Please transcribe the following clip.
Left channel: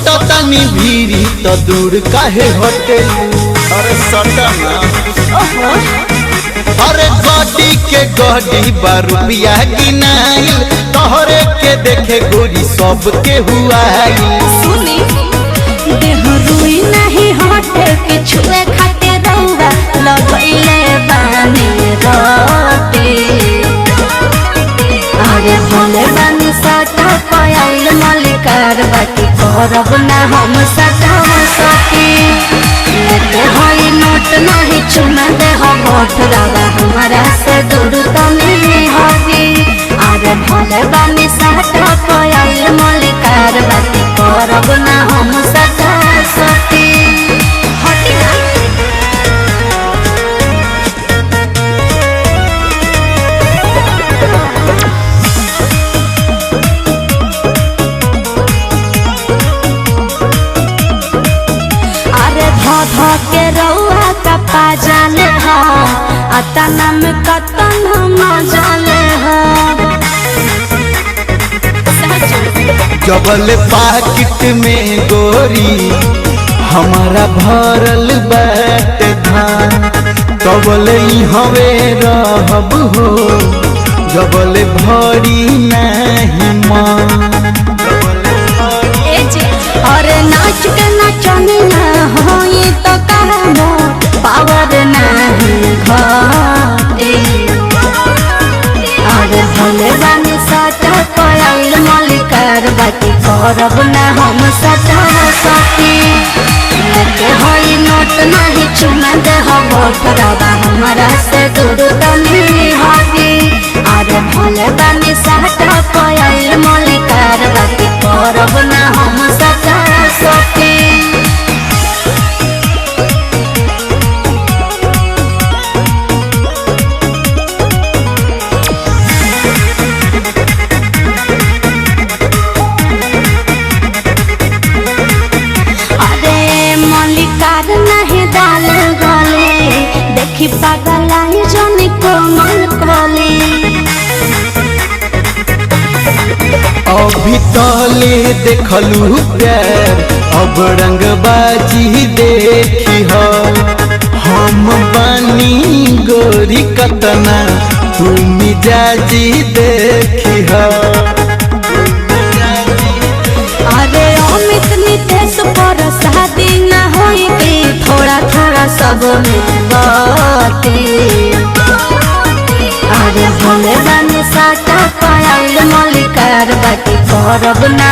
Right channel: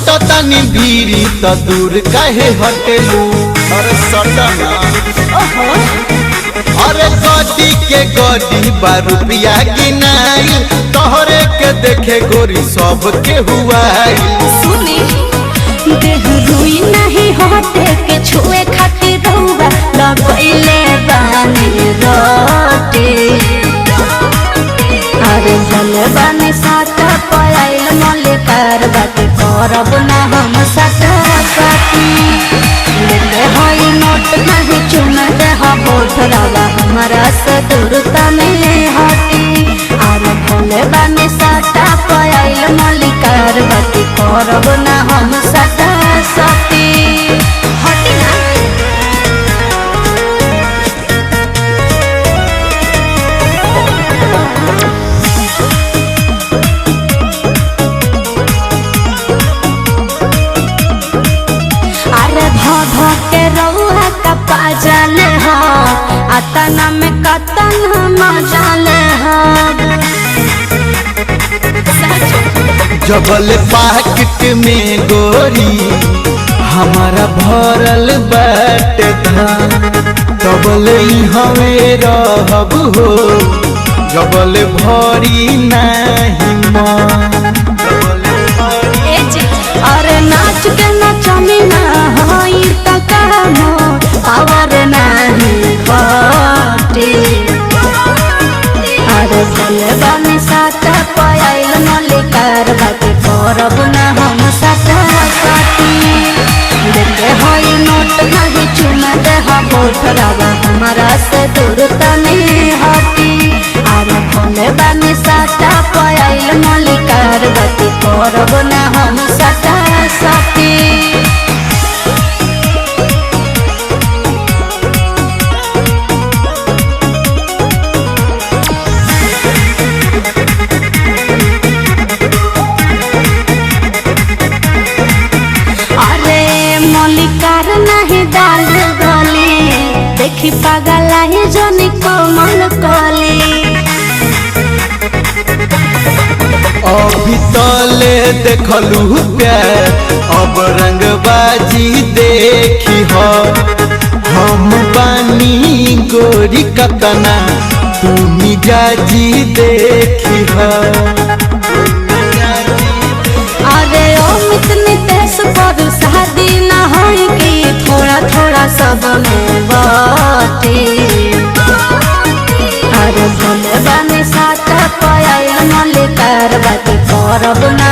सटा तानी भीरी तो दूर काहे हटे। अरे सटा ना अरे गोटी के गोटी रुपया गिनाई तोहरे के देखे गोरी सब के हुआ सुनी रुई नहीं हटे के छुए खाते रहुआ लगइले बानी रोटी। अरे भले बानी साटा पयाइल भले कारबाती करब ना हम साटा साटी। लेते हई नोट नहीं चुना ना हो वोट रवा हमारा से दूर तने हटी। अरे भले बानी साटा पयाइल भले कारबाती करब ना हम साटा साटी। हटी ना के रउआ का पाजाने हो अतना में कतन मजाले हो। जबल पाकिट में गोरी हमारा भरल बाट धान जबल हवे रहब हो जबल भरी नहीं मन जबल भरी। अरे नाच के नचनी ना होई त करबो पावर नाही घटी। अरे भले बानी साटा पयाइल मलिकार बाती करब ना हम साटा साटी। लेते हई नोट नहीं चुना दे हम वोट रवा हमारा से दूर तनी हटी। अरे भले बानी साटा पयाइल मलिकार बाती करब ना हम साटा साटी। अरे मलिकार नाही दान गले देखी पगलाई जनी को मन कोले। अभी तले देखलू प्यार अब रंगबाजी देखी हो हम बनी गोरी कतना तुम जाजी देखी हो अरे अमित नितेश पर शादी ना होई की थोड़ा थोड़ा सब में बाती। अरे भले बानी साटा पयाइल मलिकार बाती करब ना